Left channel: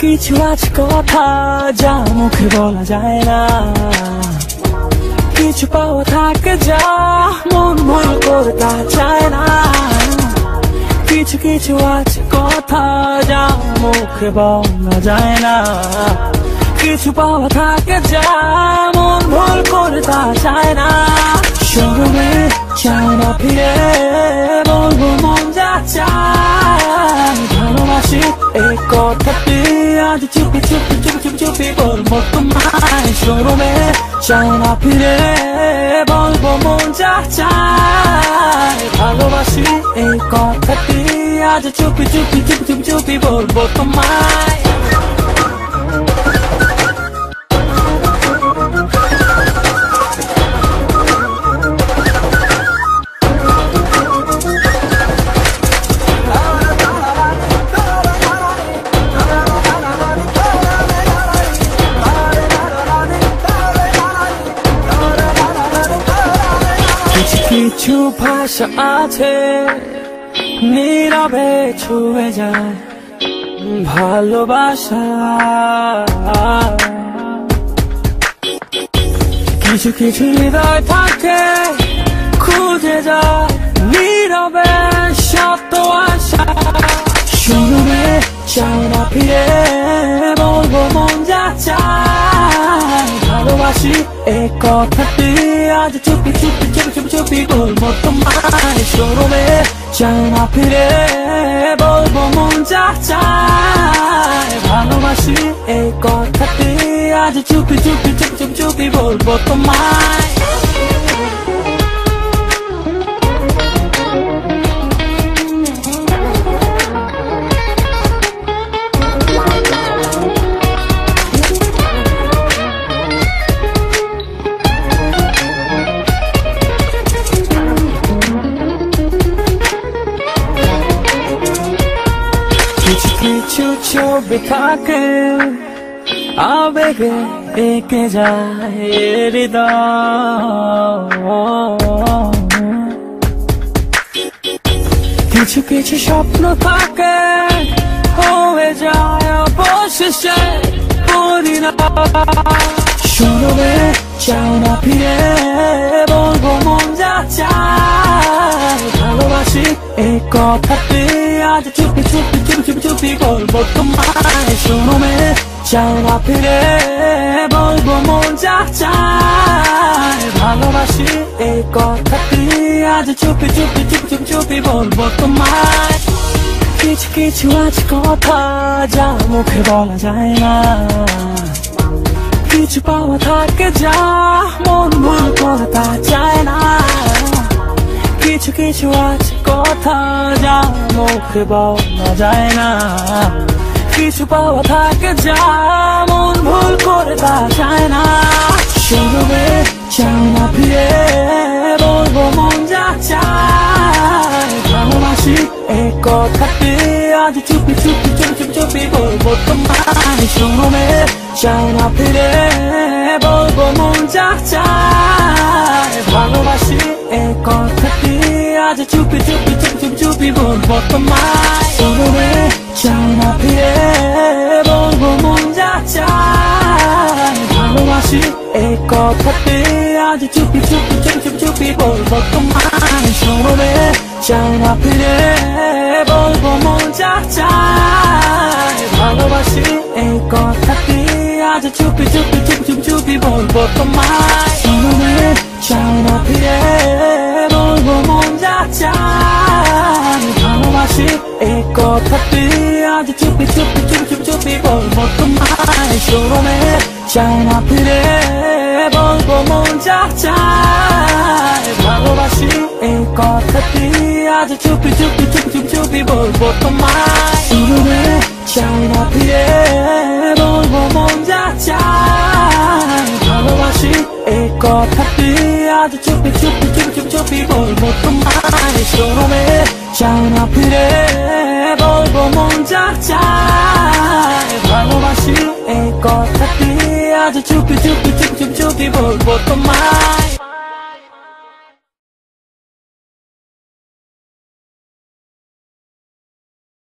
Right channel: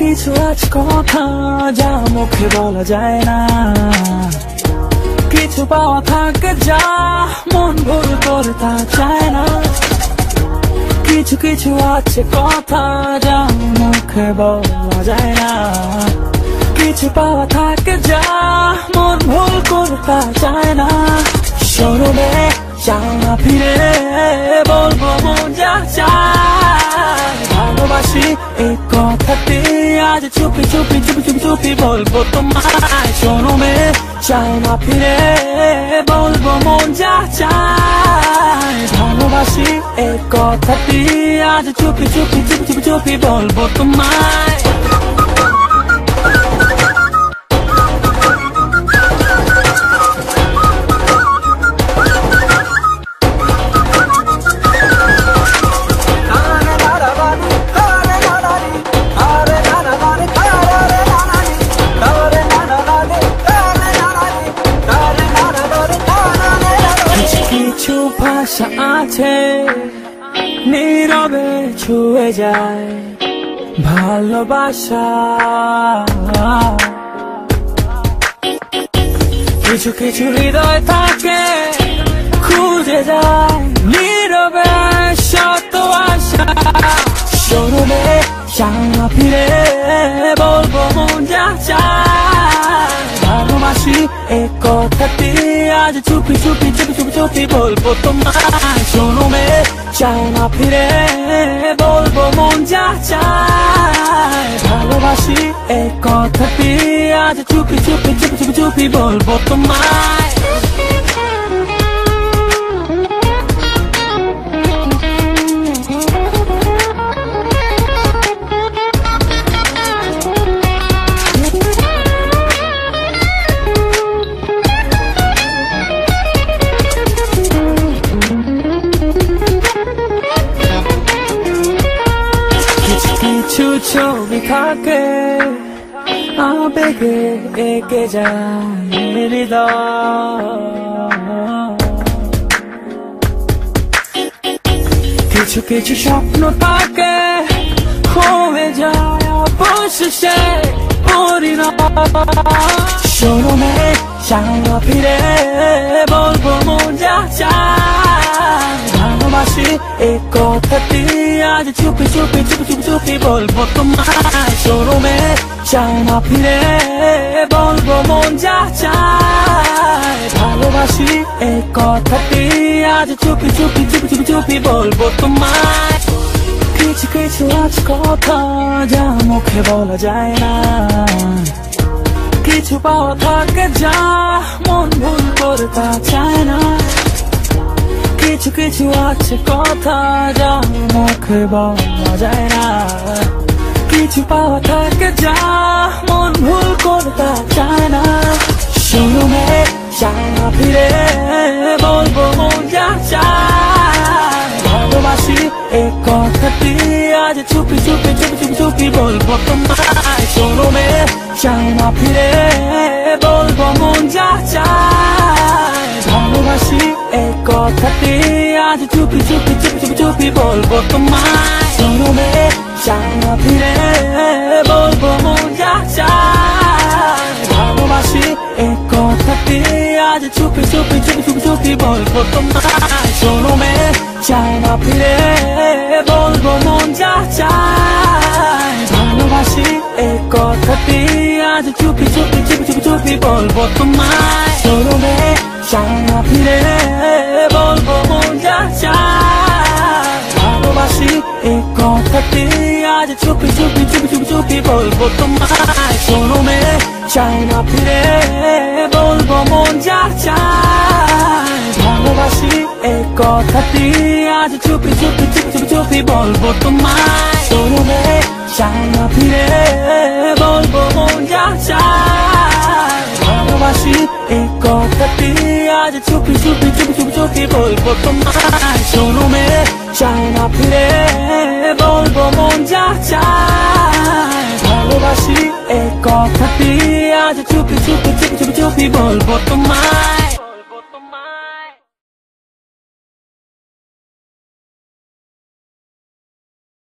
কিছু আছে কথা যা মুখে বলা যায় না, কিছু পাওয়া থাকে যা মন ভুল করতে চায় না। কিছু কিছু আছে কথা যা মুখে বলা যায় না, কিছু পাওয়া থাকে যা মন ভুল করতে চায় না। শুনলে চায় না ফিরে বলবো মন যা চায়, ভালোবাসি এই কথাটি আজ চুপি চুপি চুপি চুপি চুপি বলবো তোমায়। শুনলে চায় না ফিরে বলবো মন যা চায়, ভালোবাসি এই কথাটি আজ চুপি চুপি চুপি চুপি চুপি বলবো তোমায়। কিছু ভাষা আছে নীরবে ছুঁয়ে যায় ভালোবাসা, কিছু কিছু হৃদয় থাকে খুঁজে যায় নীরবে শত আশা। শুনলে চায় না ফিরে বলবো মন যা চায়, ভালোবাসি এই কথাটি আজ চুপি চুপি চুপি চুপি চুপি বলবো তোমায়। শুনলে চায় না ফিরে বলবো মন যা চায়, ভালোবাসি এই কথাটি আজ চুপি চুপি চুপি চুপি চুপি বলবো তোমায়। কিছু ছবি থাকে আবেগে এঁকে যায় হৃদয়, কিছু কিছু স্বপ্ন থাকে হয়ে যায় অবশেষে পরিণয়। শুনলে চায় না ফিরে বলবো মন যা চায়, ভালোবাসি এই কথাটি আজ চুপি চুপি চুপি চুপি চুপি বলবো তোমায়। শুনলে চায় না ফিরে বলবো মন যা চায়, ভালোবাসি এই কথাটি আজ চুপি চুপি চুপি চুপি চুপি বলবো তোমায়। কিছু কিছু আছে কথা যা মুখে বলা যায় না, কিছু পাওয়া থাকে যা মন ভুল করতে চায় না। কিছু কিছু আছে কথা যা মুখে বলা যায় না, কিছু পাওয়া থাকে যা মন ভুল করতে চায় না। শুনলে চায় না ফিরে বলবো মন যা চায়, ভালোবাসি এই কথাটি আজ চুপি চুপি চুপি চুপি চুপি বলবো তোমায়। শুনলে চায় না ফিরে বলবো মন যা চায়, ভালোবাসি এই কথাটি আজ চুপি চুপি চুপি চুপি চুপি বলবো তোমায়। শুনলে চায় না ফিরে বলবো মন যা চায়, ভালোবাসি এই কথাটি আজ চুপি চুপি চুপি চুপি চুপি বলবো তোমায়। শুনলে চায় না ফিরে বলবো মন যা চায়, ভালোবাসি এই কথাটি আজ চুপি চুপি চুপি চুপি চুপি বলবো তোমায়। শুনলে চায় না ফিরে বলবো মন যা চায়, ভালোবাসি এই কথাটি আজ চুপি চুপি চুপি চুপি চুপি বলবো তোমায়। শুনলে চায় না ফিরে বলবো মন যা চায়, ভালোবাসি এই কথাটি আজ চুপি চুপি চুপি চুপি চুপি বলবো তোমায়। শুনলে চায় না ফিরে বলবো মন যা চায়, ভালোবাসি এই কথাটি আজ চুপি চুপি চুপি চুপি চুপি বলবো তোমায়। শুনলে চায় না ফিরে চুপি চুপি বলবো তোমায়